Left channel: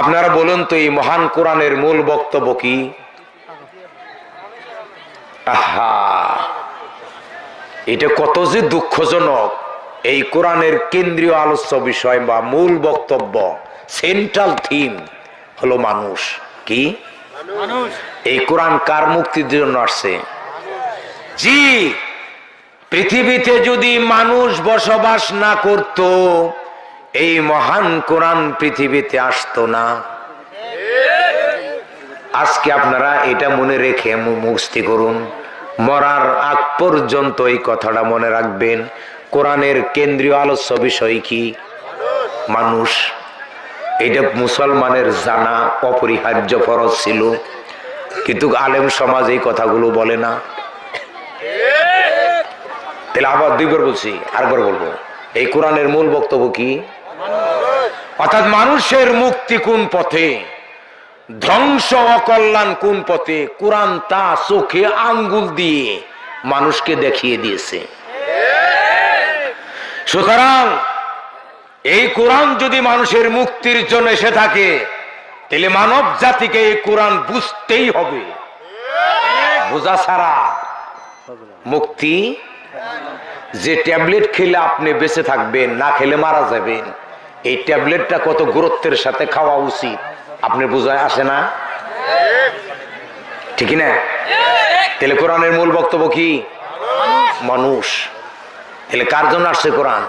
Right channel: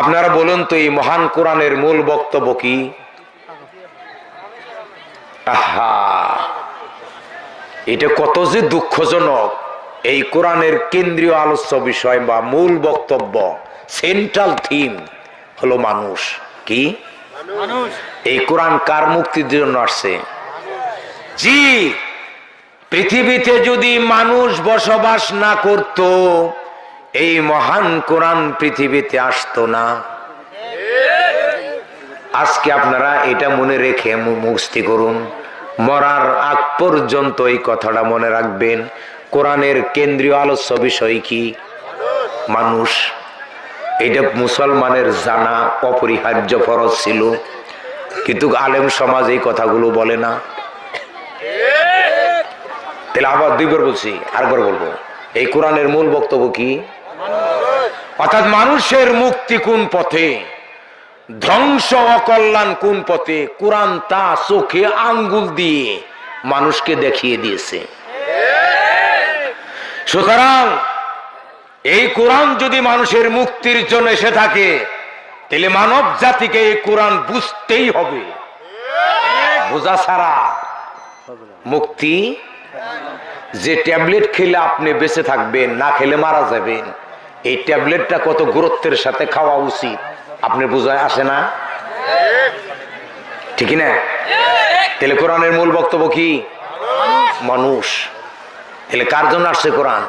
আপনারা বলুন তো, এই মহান কোরআনের মূল বক্তব্য কি? আহা, এটা কত যে দুঃখজনক। এই কোরআনের কেন্দ্রীয় আলোচ্য বিষয় বা মূল বক্তব্য, সেন্ট্রাল থিম হলো মানুষ। কি মানুষ? এই কোরআন কার মুক্তির জন্য আসছে? জি, পৃথিবীতে যদি মানুষ বসবাস না করত, এই মহান কোরআন পৃথিবীতে আসতো না। আজকে আপনারা এটা মনে রেখে মুক্তি করুন, মরার আগ পর্যন্ত এই কথাটা মনে রাখবেন। কোরআনের কেন্দ্রীয় আলোচ্য বিষয় কি? মানুষ। এটা মুসলমানের জানা অপরিহার্য ফরজ ছিল, কিন্তু আলেম সমাজ এই কথাগুলো বলে না। তাহলে আবার দুইবার বলছি, আরেকবার বলবো, এই কোরআনের মূল বক্তব্য কি? অর্থাৎ মানুষের মুক্তি কোন পথে, ধ্বংস অকল্যাণ কোন পথে, কোরআন তা চোখে আঙ্গুল দিয়ে মানুষকে দেখিয়ে দিয়েছে। সুতরাং এই কোরআন যদি মানুষের মুক্তির জন্য এসে থাকে, তাহলে মানব জাতিকে এই কোরআন বুঝতেই হবে। বোঝা ছাড়া মুক্তি। যে ট্যাবলেট খেলে আপনি বেঁচে থাকবেন, না খেলে মারা যাবেন, এই ট্যাবলেটটা কত গুরুত্বের সাথে খাওয়া উচিত আপনি বুঝায় আসে না? ঠিক না? তাহলে কোরআনের মূল বক্তব্য কি? মানুষ। তাহলে কার জন্য আসছে কোরআন?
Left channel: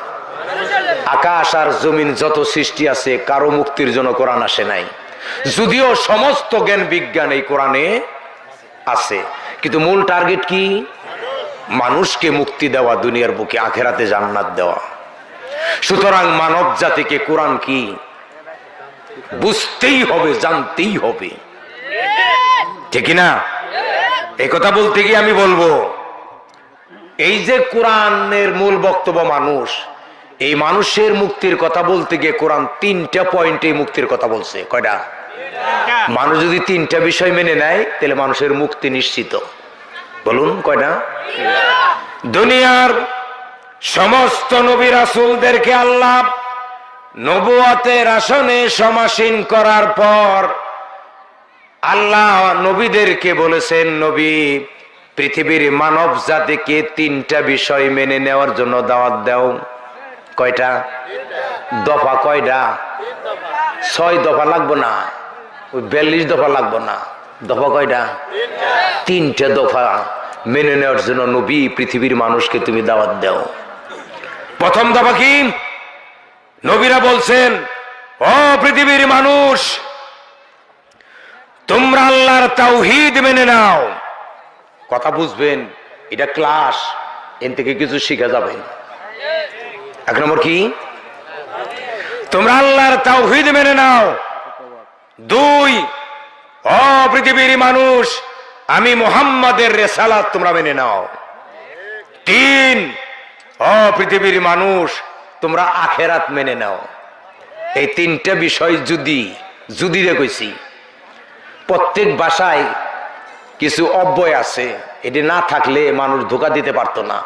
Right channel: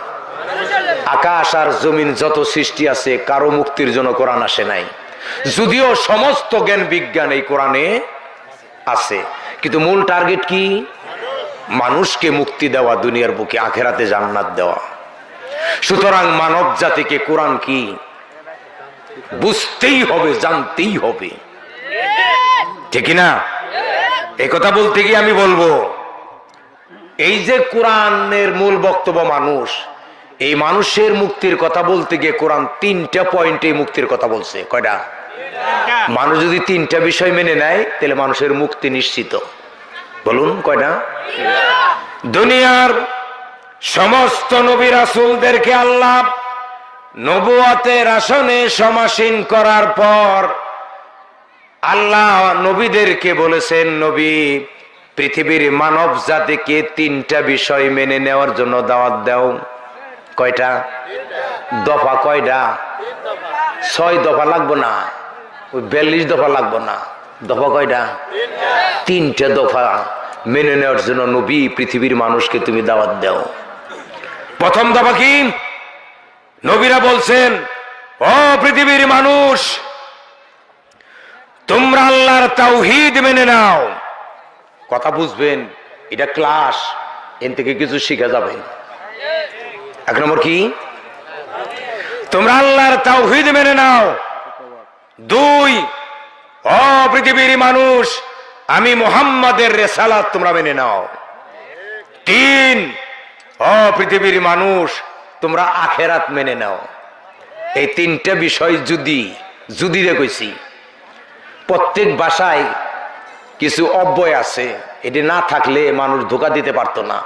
আকাশ আর জমিন যত সৃষ্টি আছে, কারো মুক্তির জন্য কোরআন আসে নাই। যদিও সমস্ত জ্ঞান বিজ্ঞান এই কোরআনে আছে, কিন্তু মূল টার্গেট কি? মানুষকে মুক্তি দেওয়া, দুনিয়ার বুকে আখেরাতে জান্নাত দেওয়া। সুতরাং মানব জাতিকে কোরআন কি বুঝতেই হবে, জানতেই হবে। ঠিক না? এই কথা বলতে গিয়ে আমি বলবো, এই যে কোরআনের মূল বক্তব্য মানুষ, এই মানুষের মুক্তির কথা বলতে গিয়ে কোরআন তিনটা পয়েন্টে মুক্তির কথা বলছে। কয়টা? মানুষ যদি তিনটা বিষয় মেনে নেয়, তাহলে মানুষের মুক্তি নিশ্চিত। বলুন কয়টা? দুনিয়ার সমস্ত নবী রাসূলদেরকে আল্লাহ নবুয়তের আসনে সমাসীন করার পর আল্লাহ নবীদেরকে বলেছেন, নবী পৃথিবীর মানব জাতিকে তিনটা বিষয় মেনে নেওয়ার জন্য দাওয়াত দাও। কয়টা? দফা। কয়টা? 6 দফা লাগবো না, 42 দফা লাগবো না। দফা কয়টা? তিনটা দফা মেনে নেওয়ার জন্য নবী পৃথিবীর মানুষকে তুমি দাওয়াত দাও। প্রথম দফা কি? নবীরা বলছেন, ও পৃথিবীর মানুষ, তোমরা আল্লাহর তাওহীদ মেনে নাও। কথা বুঝবেন, এটা ক্লাস, এর থেকে কিছু শিখা যাবে। 1 নম্বর কি? তোমরা আল্লাহর তাওহীদ মেনে নাও। 2, ও পৃথিবীর মানুষ, আমি মুহাম্মাদের রিসালাত তোমরা মেনে নাও। 3, ও পৃথিবীর মানুষ, তোমরা আখেরাত মেনে নাও। এই তিনটা বিষয় যদি কইছি, প্রত্যেক ভাষায় কিছু অব্যয় আছে, এটি না থাকলে মানুষ ধোঁকা দিতে পারতো না।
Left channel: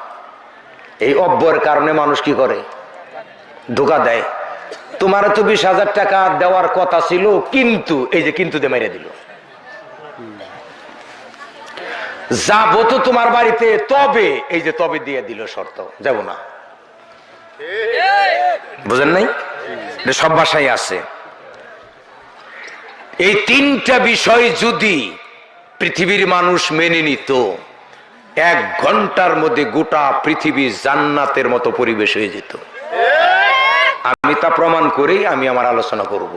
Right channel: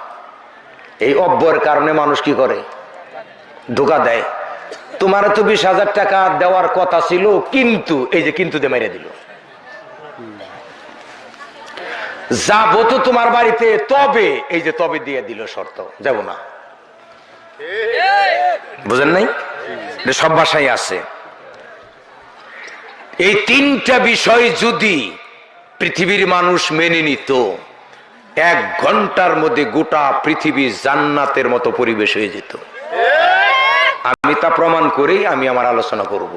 এই অব্যয়ের কারণে মানুষ কি করে? ধোঁকা দেয়। তোমার তো 20,000 টাকা দেওয়ার কথা ছিল, কিন্তু এই যে কিন্তু দিয়ে মেরে দিল। যাবো তো তোমার বাড়িতে, তবে এই যে তবে দিয়ে দিল শর্ত, যাব না। বুঝেন নাই? সব ভাষায় আছে। এই তিনটা বিষয় যদি পৃথিবীর মানুষ মেনে নিত, 1 ঘন্টার মধ্যে গোটা পৃথিবী জান্নাতের মতো পরিবেশ হয়ে যেত। আমি তা প্রমাণ করেই আমি আমার আলোচনা করব।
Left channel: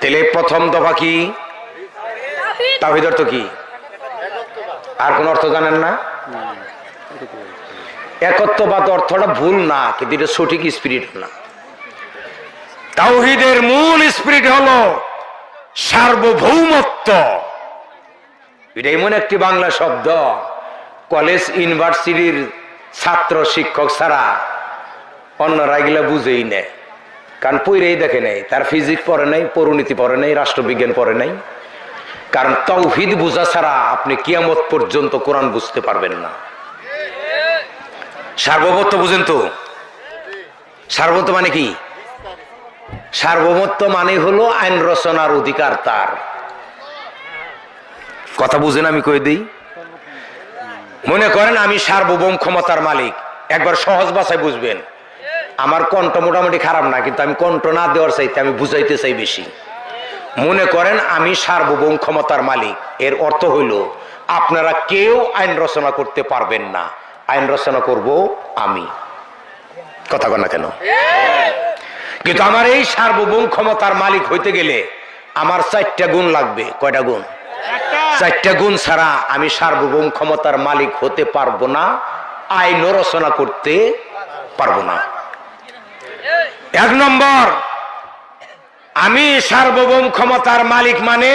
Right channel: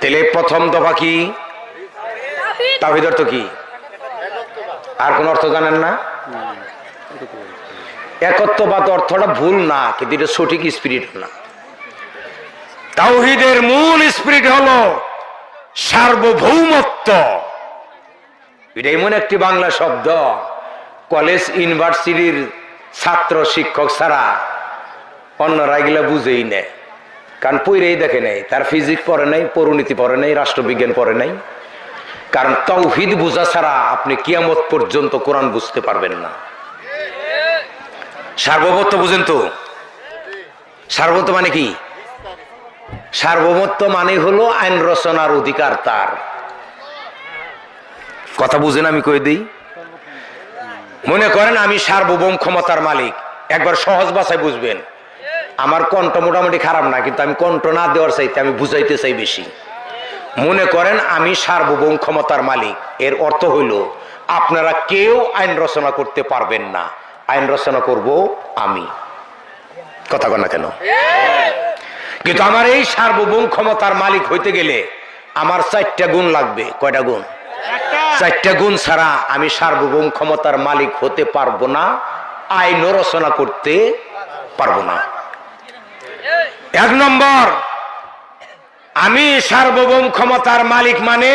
তাহলে প্রথম দফা কি? তাওহীদ অর্থ কি? আর কোন অর্থ জানেন না? একত্ববাদ অর্থটা ভুল না, কিন্তু এটা সঠিক স্পিরিট না। তাওহীদের মূল স্পিরিট হলো সার্বভৌমত্ব। এটা এমন একটি বাংলা শব্দ, কলেজ ইউনিভার্সিটির ছাত্র শিক্ষক ছাড়া অন্যরা এগুলা বুঝেই নেয়। কারণ পড়েই দেখে নেই, তার ফিজিক্স পড়ে নাই, পরিণীতি পড়ে নাই, রাষ্ট্রবিজ্ঞান পড়ে নাই। কারণ তাওহীদ বুঝা ছাড়া আপনি কিয়ামত পর্যন্ত কোরআন বুঝতে পারবেন না। সার্বভৌমত্ব বুঝেন তো? সার্বভৌমত্ব মানে কি? সার্বভৌমত্ব মানে হলো আইন রচনার অধিকার তার। কথা বুঝেন আমি কই দিই? মনে করেন আমি সার্বভৌম ক্ষমতার মালিক, একবার সহজ ভাষায় বুঝবেন। আমার কণ্ঠ মোটামুটি খারাপ না, কিন্তু আমি কণ্ঠ না দেওয়ার চাইতে আমি বুঝাইতে চাই বেশি। মনে করেন আমি সার্বভৌম ক্ষমতার মালিক, এর অর্থ হইল আপনারা কেউ আইন রচনা করতে পারবেন না, আইন রচনা করব আমি। কথা কন না কেন? কিন্তু আমার এই সার্বভৌম ক্ষমতার মালিক হইতে গেলে আমার 4টা গুণ লাগবে। কয়টা গুণ? 4টা গুণ ছাড়া আমি সার্বভৌম ক্ষমতার মালিক হতে পারবো না, আইন রচনা করতে পারবো না। 1 নম্বর, আমি সার্বভৌম ক্ষমতার মালিক মানে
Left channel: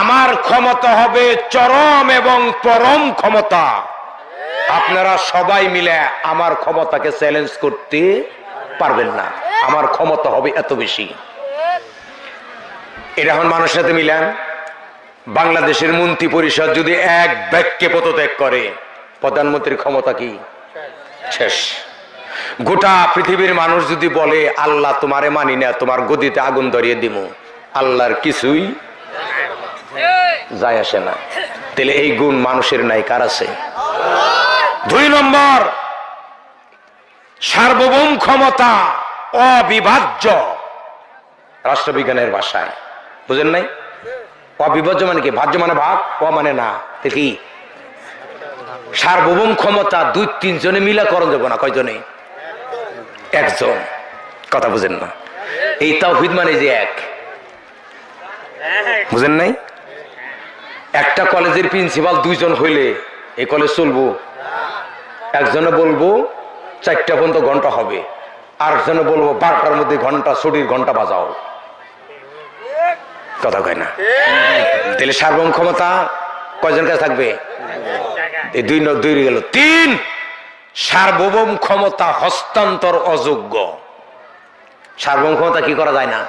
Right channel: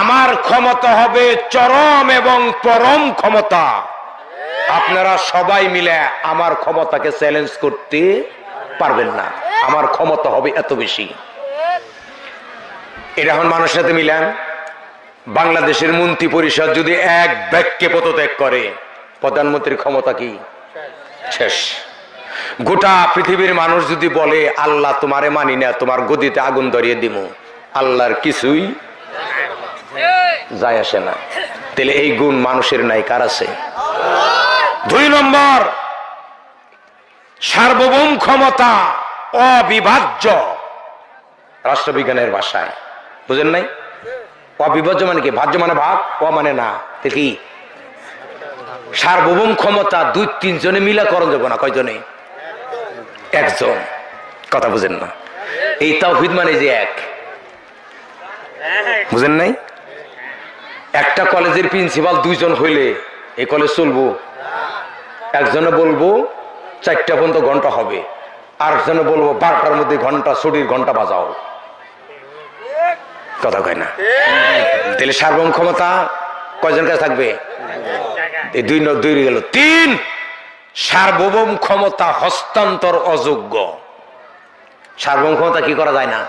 আমার ক্ষমতা হবে চরম এবং পরম ক্ষমতা। আপনারা সবাই মিলে আমার ক্ষমতাকে চ্যালেঞ্জ করতে পারবেন না, আমার ক্ষমতা হবে এত বেশি। এটা এখন মানুষের সাথে মিলান। বাংলাদেশের মন্ত্রী পরিষদ যদি এক বাক্যে পদত্যাগ করে, প্রধানমন্ত্রীর ক্ষমতা কি? শেষ। গোটা পৃথিবীর মানুষ যদি বলে আল্লাহ তোমারে মানি না, তোমার গদিতে আগুন ধরিয়ে দিব, আল্লাহর কিছুই যায় আসে না। তাহলে এই গুণ মানুষের নাই, কার আছে? 2 নম্বর, সার্বভৌম ক্ষমতা অবিভাজ্য। রাষ্ট্রবিজ্ঞানের ভাষায় বুঝেন নাই? অবিভাজ্য মানে কি? ভাজ্য মানে ভাগ, ও মানে না। কি সার্বভৌম ক্ষমতা 2-3 জনে মিলা করণ যাবো না। কয়জনে? একজন। কথা বুঝেন না? এই তাওহীদ মানে যে এক, বুঝেন নাই? একটা কলেজের প্রিন্সিপাল 2 জন হইলে এই কলেজ চলবো? একজনে বলবো 4টা পর্যন্ত ঘন্টা হবে, আরেকজনে বলবো 12টার মধ্যে ঘন্টা, ছুটির ঘন্টা বাজাও। কথা কয় না? তাহলে সার্বভৌম ক্ষমতা কয়জন কাছে থাকবে? এই 2 গেল। 3, সার্বভৌম ক্ষমতা হস্তান্তর অযোগ্য। সার্বভৌম ক্ষমতা কি করা যায় না?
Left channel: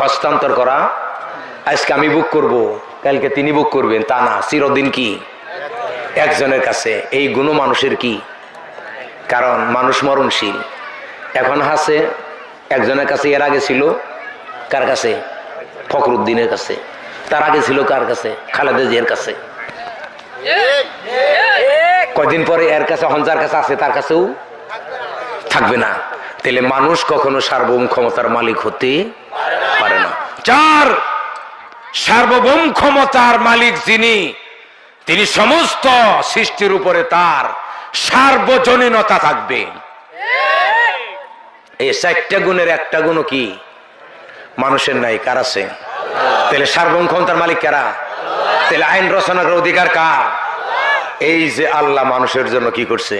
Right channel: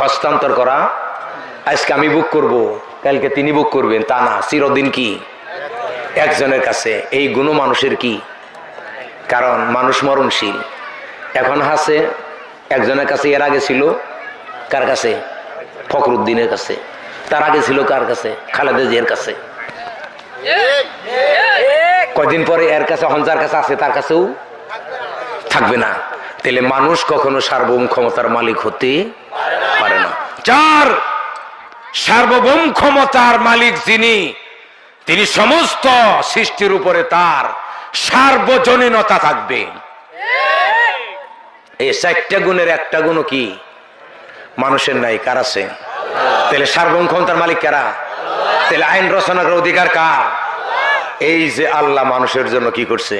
হস্তান্তর করা। আজকে আমি বুক করব, কালকে তিনি বুক করবেন, তা না, চিরদিন কি একজনের কাছে। এই গুণ মানুষের কি? কারণ মানুষ মরণশীল। এখন আছে একজনের কাছে, এর আগে ছিল কার কাছে? ফখরুদ্দিনের কাছে। তার আগে ছিল কার কাছে? খালেদা জিয়ার কাছে। কয়দিন পরে এর কাছে, হঞ্জার কাছে আছে, তার কাছেও থাকবে না। তাহলে মানুষ কখনো সার্বভৌম ক্ষমতার মালিক হতে পারে না। 4, সার্বভৌম ক্ষমতার মালিক যিনি, তিনি সমস্ত সৃষ্টির উপরে তার সার্বজনীনতা থাকবে। এই 4টা গুণের একটা গুণও কি মানুষের নাই, কার আছে? তাহলে সার্বভৌম ক্ষমতার মালিক কারা? তাহলে আইন রচনার অধিকার কার? এই যে আল্লাহ মানুষের জন্য কি করছে?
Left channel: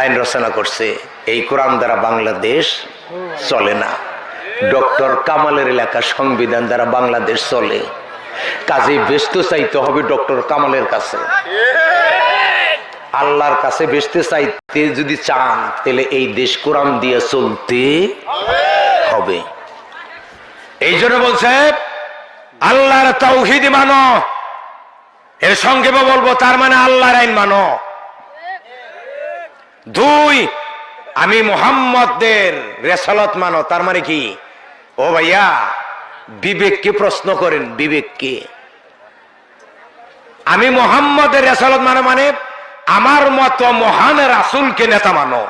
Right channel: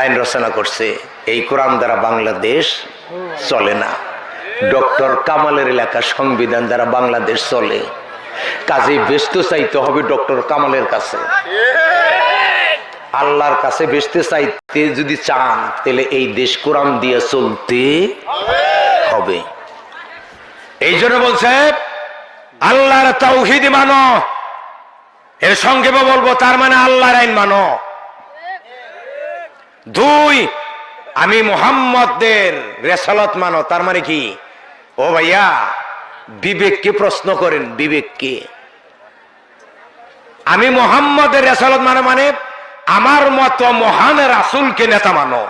আইন রচনা করছে। এই কোরআন দ্বারা বাংলাদেশ চলে না, ডক্টর কামালের লেখা সংবিধান দ্বারা বাংলাদেশ চলে। কাজে ব্যস্ত চাইতে হবে ডক্টর কামালের কাছে। আল্লাহর কাছে বেচতে চাইতে যদি চান, তাহলে এই দেশ কোরআন দিয়ে চলতে হবে। এই জন্য বলছে আল্লাহর তাওহীদ মানো। এর সংক্ষেপে বলবো, তার মানে আল্লাহর আইন মানো। 2, আমি মুহাম্মদের রিসালাত মানো। তার মানে কি? ও ভাইয়া, বিবেককে প্রশ্ন করেন, বিবেককে। আমি মুহাম্মদের রিসালাত মানে আমার মতো মহান রাসূলকে নেতা মানো।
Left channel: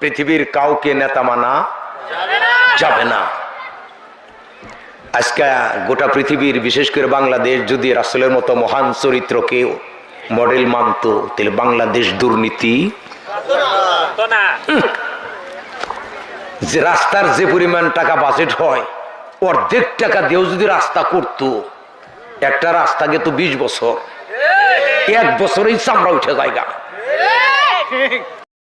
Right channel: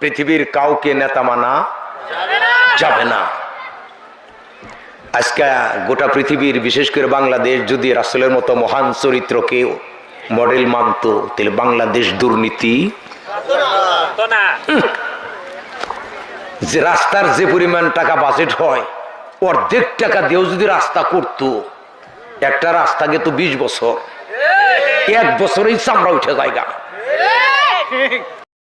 পৃথিবীর কাউকে নেতা মানা যাবে না। আজকে গোটা পৃথিবীর, বিশেষ করে বাংলাদেশ, যদি রাসূলের মতো মহান চরিত্রকে মডেল মানত, তাহলে বাংলাদেশ দুর্নীতি যে রাস্তার যে পরিমাণ টাকা বাজেট হয়, অর্ধেক টাকা দিয়েও যদি রাস্তা করতো, একটা রাস্তাকে তো 20 বছর, 1 বছরেই চামড়া উঠে জায়গা।